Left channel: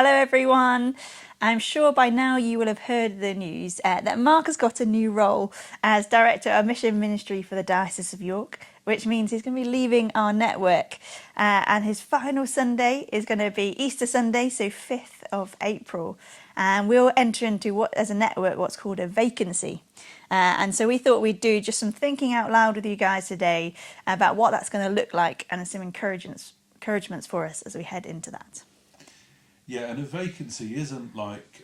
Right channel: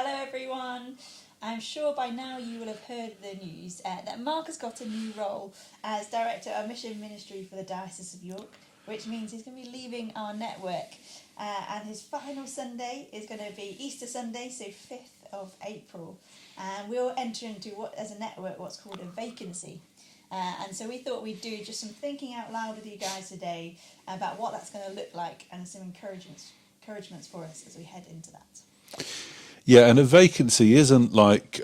Hello, everyone. I'm sure by now you will have heard the news that Mark has got a new role as Director of Mission Ministry for the Diocese of York, which means he's going to be leaving our network. And his final Sunday is going to be Easter Sunday, so 5th of April. And we'll enter into as a network, what's called a vacancy. And so we thought we'd do just some thinking out loud with you guys today about what that's going to look like and some encouragements for us as we head into that. Yeah, and a vacancy isn't like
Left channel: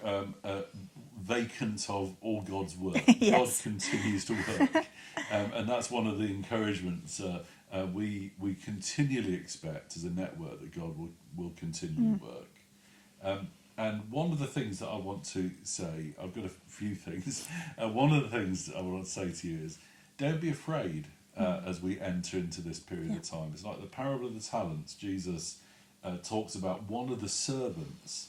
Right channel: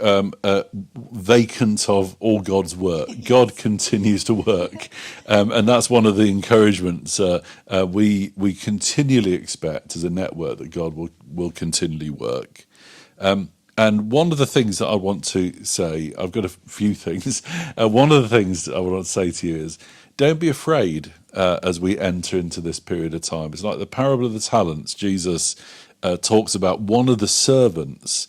vacant of all God's work. Yes. God continues to work, and that's one of the encouragements we continually expect as a network, that God will continually work. And one of the things that I want to say, I've got a few things. One of the things that I want to say to you is, don't be afraid as we enter into this period of time. It's like the parable of the talents. Jesus talks about one of the servants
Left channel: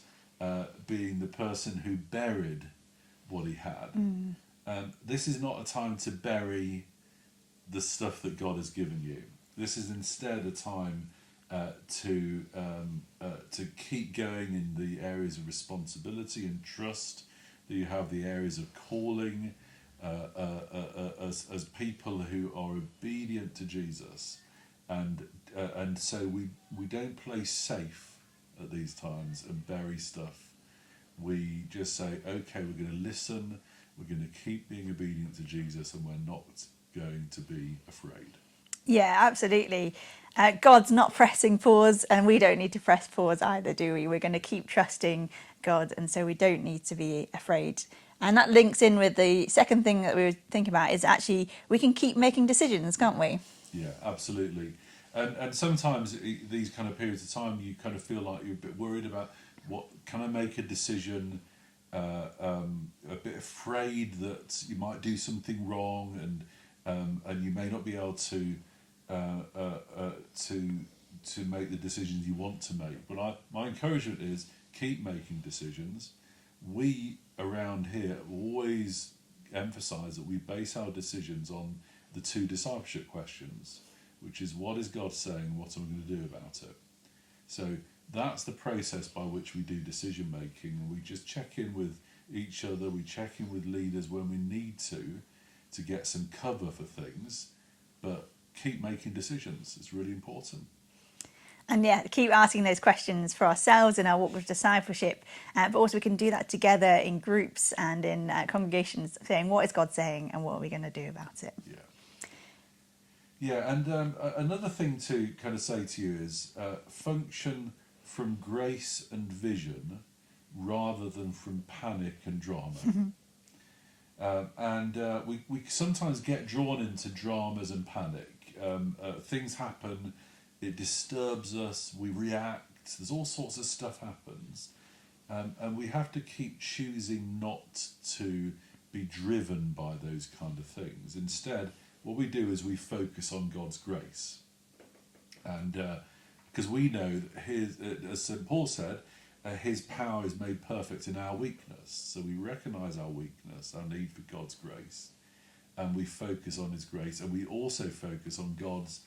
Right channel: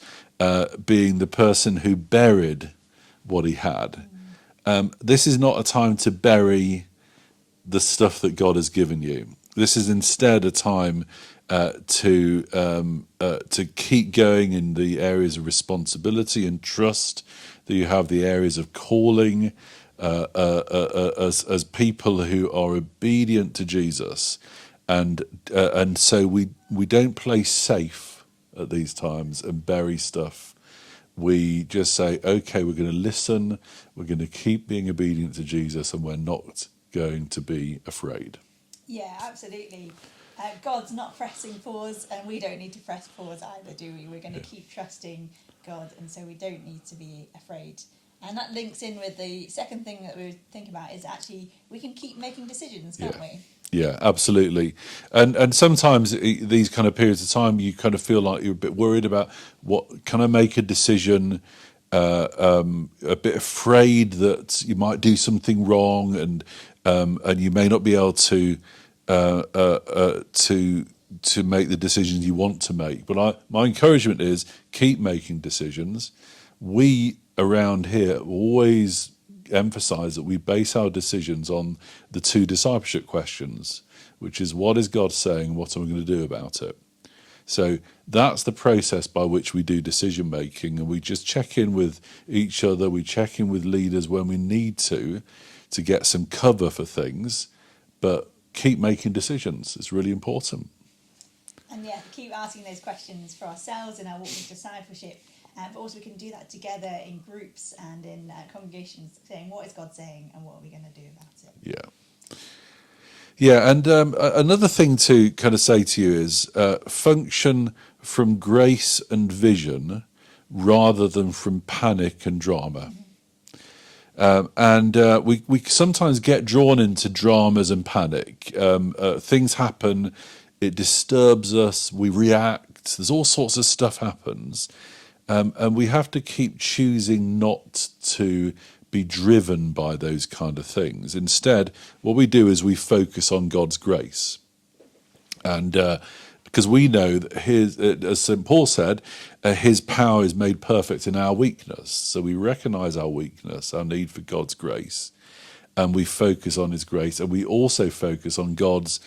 being the person who buried what he had. This is not a time to bury the stuff that God has given you. This is instead a time to keep going in the areas of responsibility and trust that you have, the areas of calling as people who are obedient to Jesus. And so we don't play safe at these times and bury stuff. We just say, okay, we're going to listen, we're going to keep being obedient to Jesus, and we're not going to be afraid. Yeah, absolutely. God's not pressing pause, and we don't need to press pause either, do we? We're going to keep trusting God, and so we don't need to be afraid. And that links in with the second thing that we were thinking about, is actually we can keep making decisions, can't we? Yeah, absolutely. And sometimes these kind of periods of time, you kind of feel like you're a bit worried about, what can I make a decision, a bit afraid that you might do something wrong, and you may not be able to make the decisions you want to make. But my encouragement is, keep making decisions. We around here always emphasize that we base our decisions on the two discipleship questions, which is, what is God saying? What am I going to do about it? So that's the process by which we do decision making, and we just check in with each other. We check in with leaders when we need to get some cover for things, but keep making decisions. It's really important. And yeah, keep asking those questions for ourselves in our walk with discipleship, but also we can do that together in groups and in congregations, saying, what is God saying and what are we going to do about it? Yeah, and another thing to kind of say to you is, function from grace and vision rather than from panic and drama. We sometimes get drawn into dramas and panic. Things happen, it disturbs us, we react, there's all sorts of stuff happens. And we have to keep choosing not to be driven by those kind of things. Instead, what we do is we focus on God's grace. And because we know that as St. Paul said, his power is made perfect in our weakness. So we recognize our weakness, our need for God's grace, and we focus on his grace. And we also focus on God's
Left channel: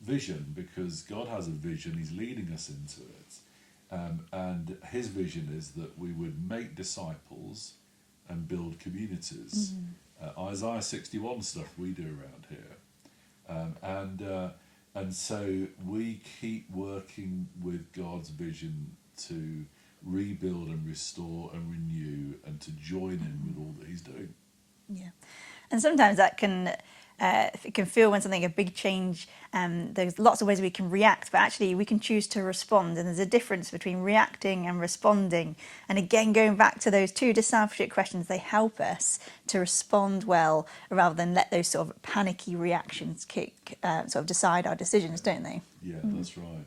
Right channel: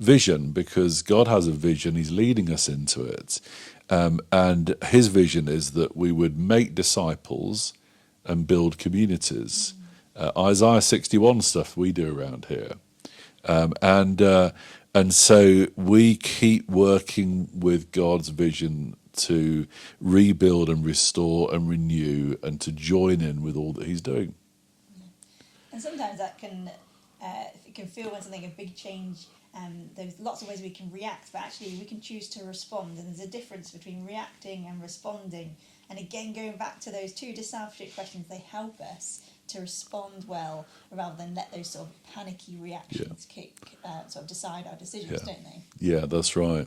vision, because God has a vision, he's leading us into it. And his vision is that we would make disciples and build communities. Isaiah 61 stuff we do around here. And so we keep working with God's vision to rebuild and restore and renew, and to join in with all that he's doing. Yeah, and sometimes that can it can feel when something, a big change, there's lots of ways we can react, but actually we can choose to respond, and there's a difference between reacting and responding. And again, going back to those two discipleship questions, they help us to respond well rather than let those sort of panicky reactions sort of decide our decisions, don't they? Yeah, that's right.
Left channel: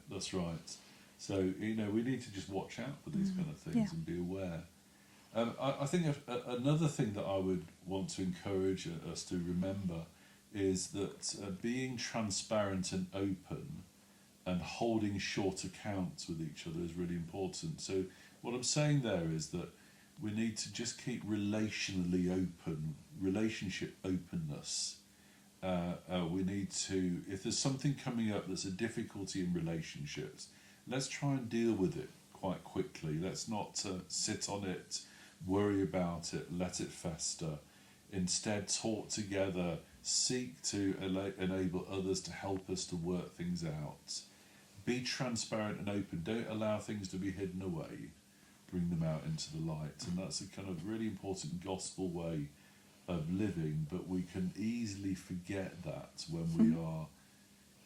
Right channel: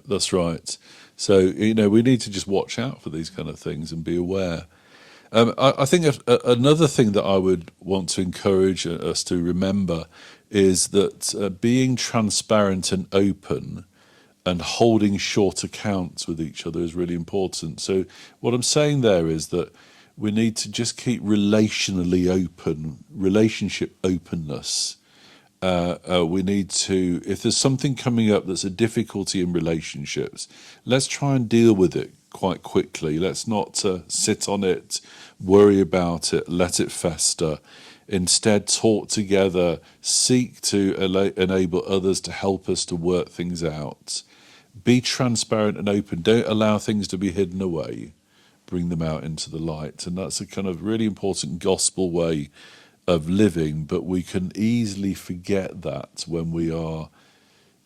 So, we need to just watch out for these kind of things and be aware. I think another thing that I would want to encourage us to remember is that being transparent and open and holding short accounts with each other is really important. So what I'm saying there is that we need to just keep relationally open, relationship openness. We need to, if there's something coming up that's a difficulty in relationships, let's try and deal with it quite quickly. Let's not sit on it, worry about it, let it fester. Instead, talk together, seek to enable others to help us to work things out. Be transparent and open. Don't allow things to be hidden away. Bring them out into the light. And that's a kind of really important gospel way of living, but we can easily forget that when we are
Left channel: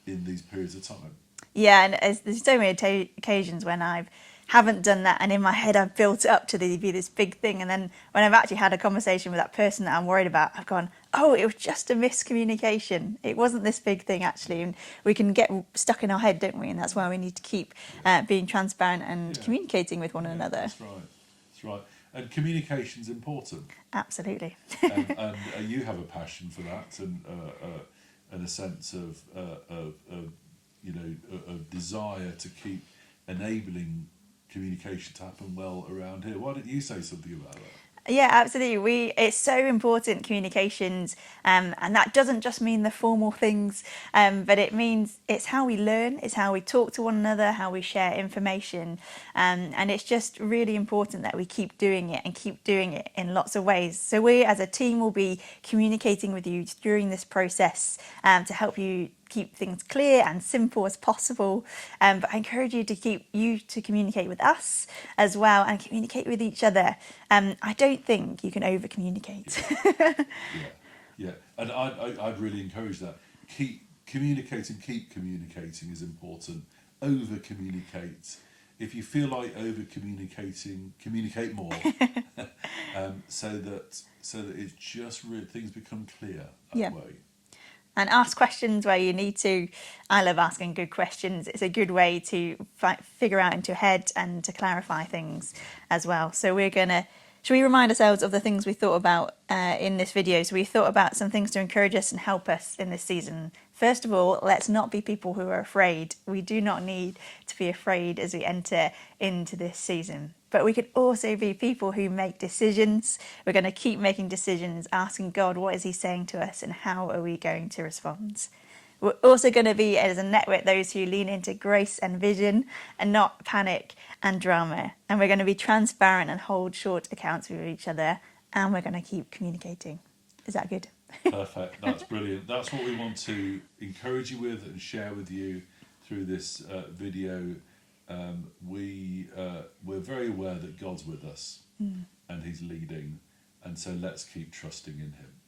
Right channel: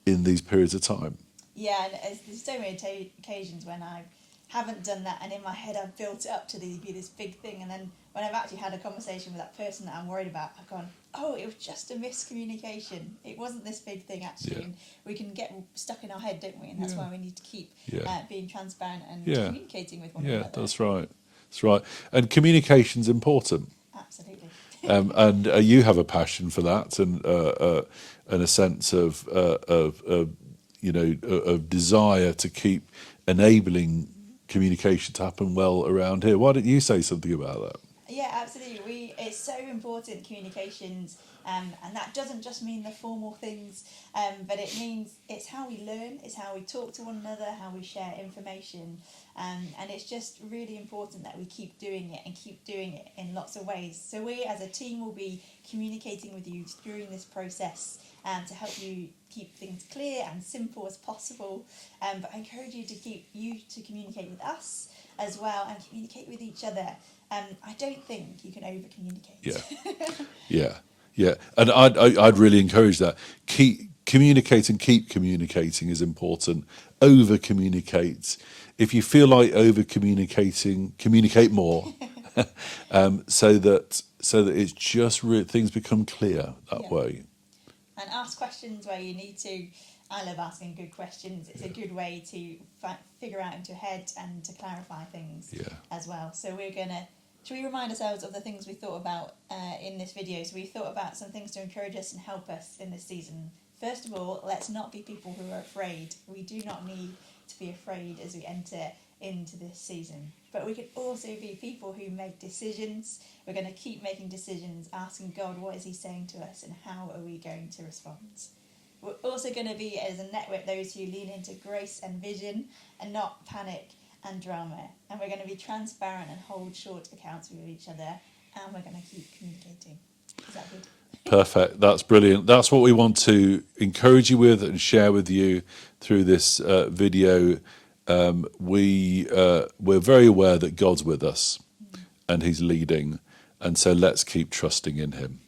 in these periods of time. Yeah, and there's so many occasions when I haven't done that, and in my head I've built it up to be this big thing, and then when I've actually had a conversation with that person that I'm worried about, I've gone, oh, it was just a miscommunication. It wasn't this big thing, actually. Yeah. And we can get stuck in our head, don't we? And that's why we need to keep being transparent and communicating with one another. That's right. That's right. And communication's important. Absolutely. And you have a passion for that, and a sense of desire to keep enabling communication to happen well around here. Why don't you say something about that? Yeah, absolutely. It's so important, communications, and that doesn't just mean the formal things, but it means it's how we learn, it's how we talk to one another, how we share information, and it's just really important that we keep doing it and keep doing it in lots of ways. So we as a team will be communicating with you during this process to help you keep things clear and simple as possible, but I encourage you to communicate with us as well and communicate with each other. I don't think you can over communicate. Yeah, and I'd really encourage that. Keep communicating is important. Over communicate. If you feel like over communicating, communicate more, so that it's just things become clear that way. And ask questions where you need to. I love asking good questions. It's a good way to figure out into your head and to clarify things as well. So should we remind ourselves of the things we thought about in this video? So we thought about some things to encourage us and help us in this season. First of all, let's not be people who are afraid. We do not need to be afraid as we enter into this season. But we could also be people who make decisions. We're going to keep making decisions, asking God, what is he saying to us and how are we going to respond? We're also going to be, as a network, those who lean into grace and vision and not panic and drama. And we're going to be transparent and hold short accounts with each other. And we're going to keep communicating. Is that good? Perfect. That's brilliant. That's what we want to encourage you with and share with you through this video. We're very aware that God's with us and he's leading. And so let's keep trusting in him.